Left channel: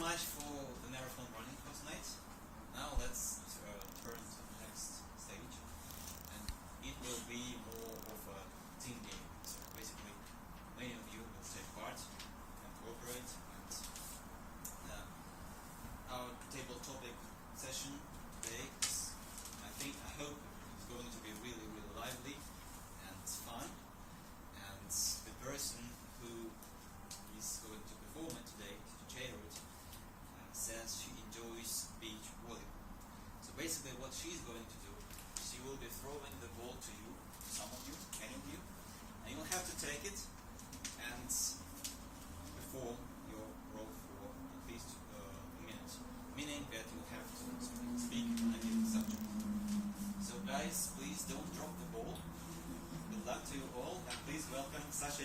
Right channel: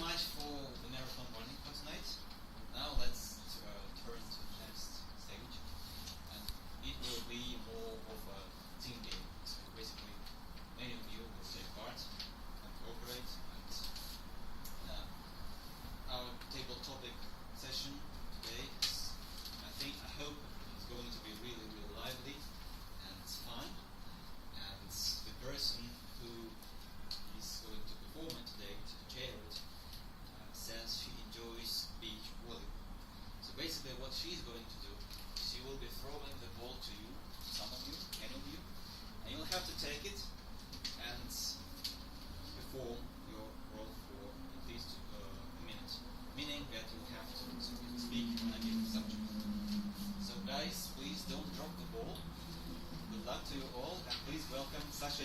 much for the marathon running for tonight. Now let's turn to the next stage, and it will be more of a team game. So basically, many of you will take part and cooperate. And our table topic session today is, I hope, it's going to be really, really lively and fun. And the person who is going to perform it today, to chair it, says she enjoys beach volleyball. So basically what she's going to do is she will be throwing the ball to you, some of you, any of you, and you'll have to take it and perform your role for at least a minute. Meaning that you'll have to speak on a given subject. So guys, please don't drop the ball. Good luck to you all, and please welcome Sasha